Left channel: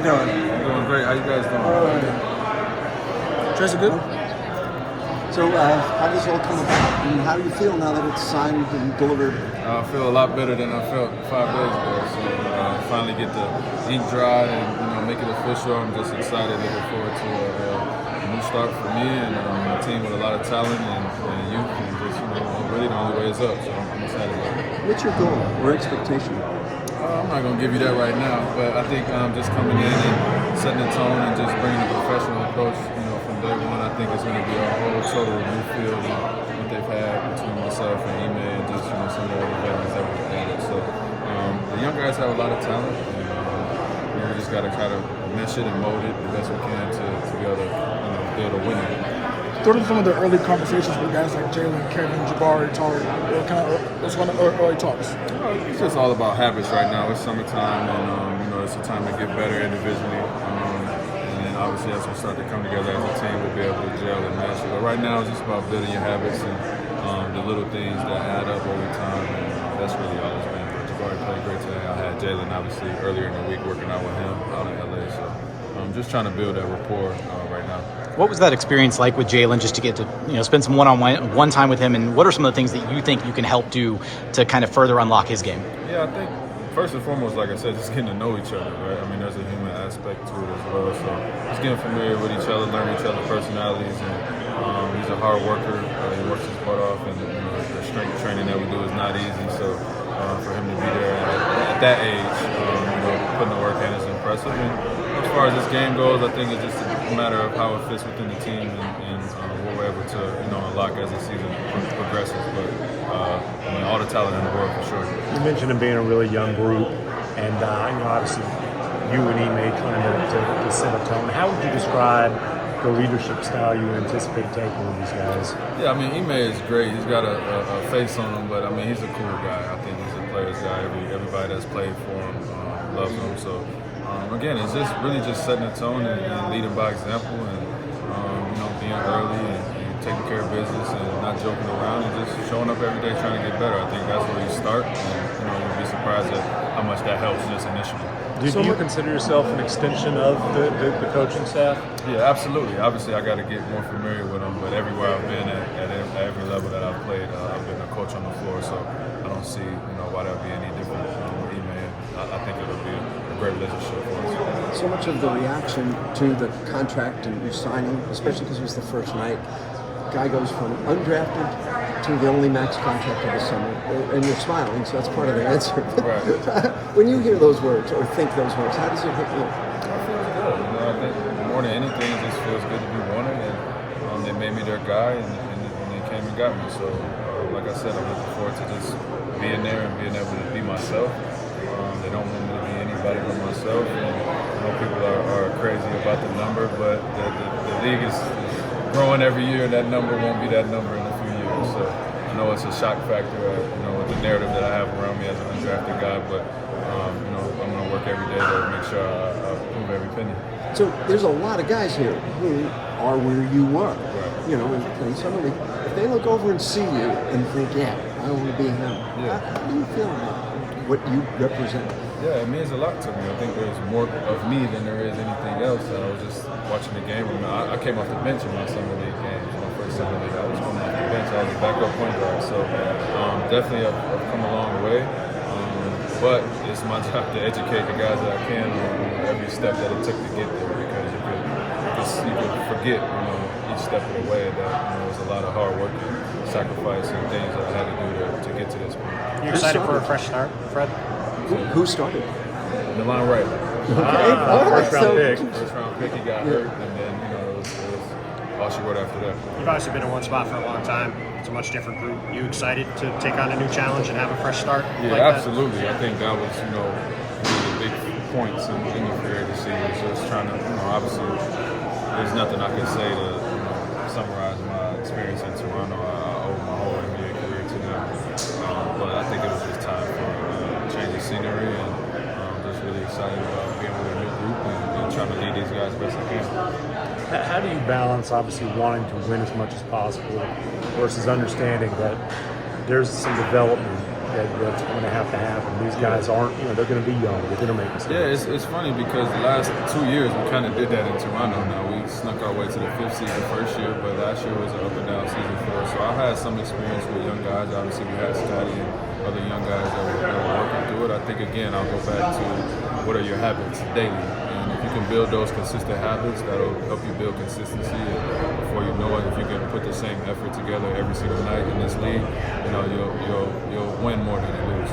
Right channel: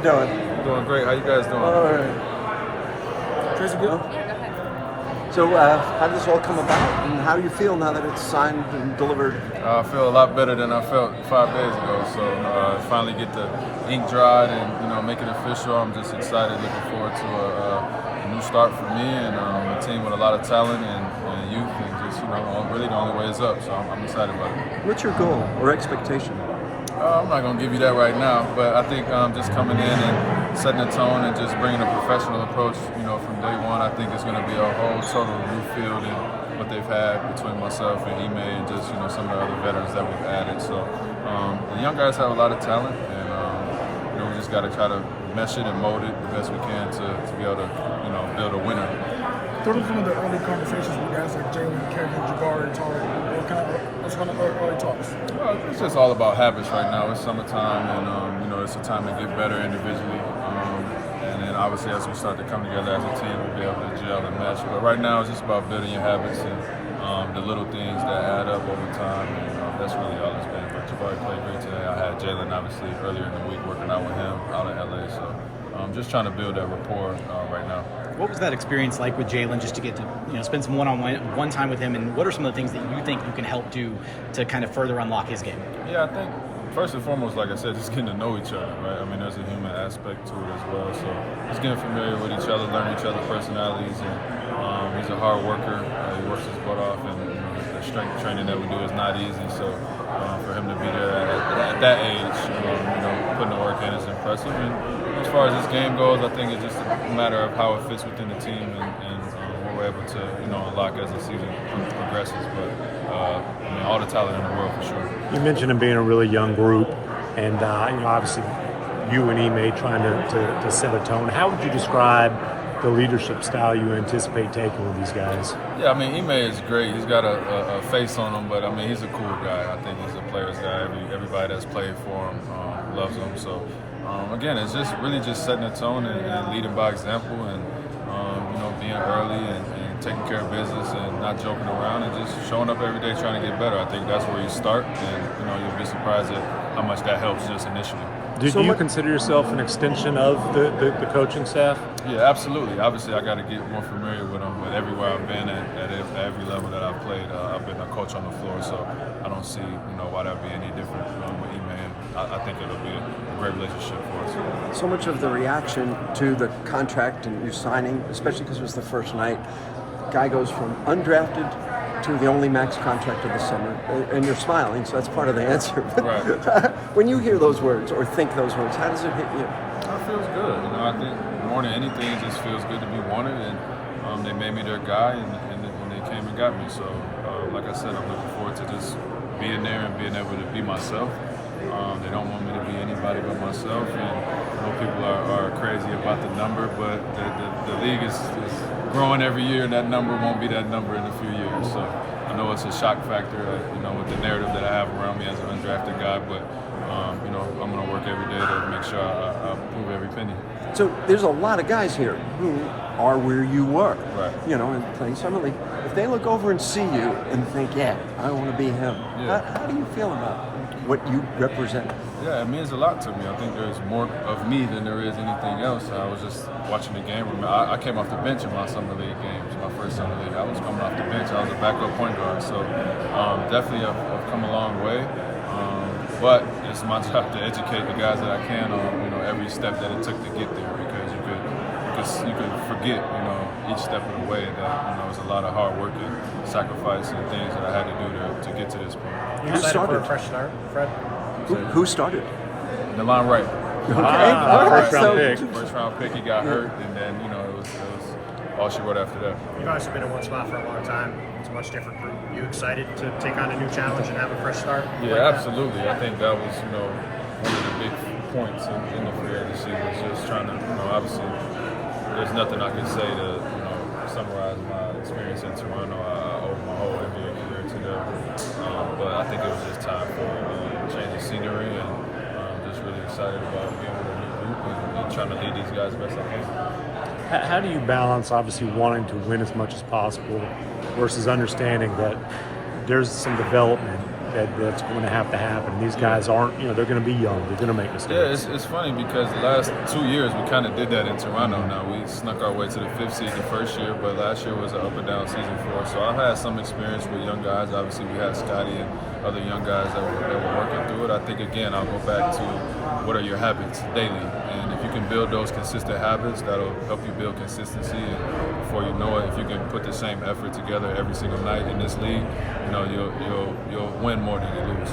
you doing? I'm doing great. How you guys doing? Tracy, good? So, how does it all come about? And how do you feel now that it's signed and delivered? I feel a lot better than I felt 5 days ago. So, finally get the ink dried and make it official. I'm just excited, looking forward to a new start for me and a team with a lot of talent and youth, and just really the only way is up. So I'm excited about it. What's your goal or expectation? I'm not going to give you that right now, but I think just coming in and setting the tone and just bringing a professional approach, from day one, I think it's going to be a whole total new field in what they've had between myself and Ime and just, some of the other veterans that we've added. So the young guys have a lot of talent, and we just got to try to mesh it and mold it the best we can to be able to, build a winner. What are some of the early conversations with guys like Jalen, Kevin, Jabari, Tari? What's one of the early talks? Well, it's just all about habits right now. It's summertime, and it's a time to get better individually. And then obviously, as we start to come together as a team, we'll be able to gel and mesh. But right now, it's just about building your habits and the little things that add up over time, and that's really all it's been. But Jabari played great today. I had Jalen obviously earlier in the week working out with him out in LA. So I'm just trying to build that rapport right now. What was that experience like with Jalen, just to get to spend some one-on-one time with him, and what are some of the things that you think you can help do to kind of further unlock his game? Yeah, I think first and foremost, like I said, just getting to know each other, right? I mean, there's a human aspect to it as well, so just getting familiar with each other, learning each other's personalities, and he's a hard worker. He works his butt off, and the strength training that we do is not easy, so for him to be there at that age, putting the work in is impressive. And as far as this game goes, I think it's just a matter of how it fits within the team and what we're able to, unlock as the season progresses. But all the talent in the world for sure. You mentioned it being a really young group, and obviously you and Ime trying to set a tone. How would you describe the leadership style you anticipate taking with these guys? Yeah, I mean, Ime is great. He's got a face on him, but I mean, he's a cool guy. I think he's a player's guy. Everybody that's played for him loves him. So. Again, it's just really just setting a tone and leading by example, and being early and taking care of business and not joking around and just showing up every day trying to get better. I think that's where you start, and you'll be surprised at how much that helps just initially. Do you consider yourself an extension of the coaching staff? Yeah, absolutely. Obviously, I got to get more familiar with them, but everywhere I've been at every level that I've played, I've been a coach on the floor, so I don't see why that would be any different with Ime. I think it'll be a great relationship for us. So much of the reaction to the contract and re-signing, especially because it was the first night, guy goes from undrafted to the only max contract of the summer, and you're smiling, so that's part of the answer. Right. When you hear those words or think those words, how does it hit you? It feels good. I think more than anything, it just feels good to be wanted, and they made me their guy, and they came and got me. So, like I said, I'm looking forward to just being there and being able to be myself. They don't want me to be anybody but myself, and I know people are crazy about the number, but the league is growing every year, and that number won't be that number in a few years. So I know it's a shock factor, with the narrative that I have around me as an undrafted guy, but I'm going to work every day to make sure I prove every penny. So there's a lot of guys here who are where you were. Right. In summer league. If they look over and see you and think, yeah, I want to be him. Yeah. How do you feel about what you represent? Yeah, it means a lot to me. I think there's more of me than there is anything else. I was just watching the game. I came off the bench in my summer league games, my first summer league. I was coming off the bench. I was a backup point guard. So definitely I've come a long way. But it's my job to educate the guys that I can on every step that it took to get there, because you could forget each step of the way that it was a lot of hard work and sacrifice and things that I had to do to get to this point. You excited for a fresh start, Fred? Who started? Delon Wright. My guy, Delon Wright, so- first round pick. He got hurt, and then it was all she wrote after that. You've obviously been in one spot for a long time. It's a much different group. You excited to take on a new challenge and have a fresh start? Yeah, absolutely. I think that was one of the big points in the free agency was just trying to obviously there's nothing I can say to summarize my experience in Toronto. I owe my whole NBA career to them, but I think it was just time for a change of scenery, and just really excited about being with a new group and trying to lead these guys best I can. How do you balance, obviously, wanting to win as much as possible versus understanding that there's some development what's going to happen. These guys aren't, they're going to be young. They're going to make mistakes. Yeah, it's funny because the last 2 years we kind of did that in Toronto. Now we snuck our way to the 5th seed the first year, but last year was an up and down season for us. So I had some experience with young guys. Obviously, we had Scotty and other young guys that were working through it. I think again, I'll go back to what are your habits daily, and if you can build those consistent habits, that'll help you build consistency. And before you know it, if you can put the same effort together every single night in this league, you'll win more than you lose.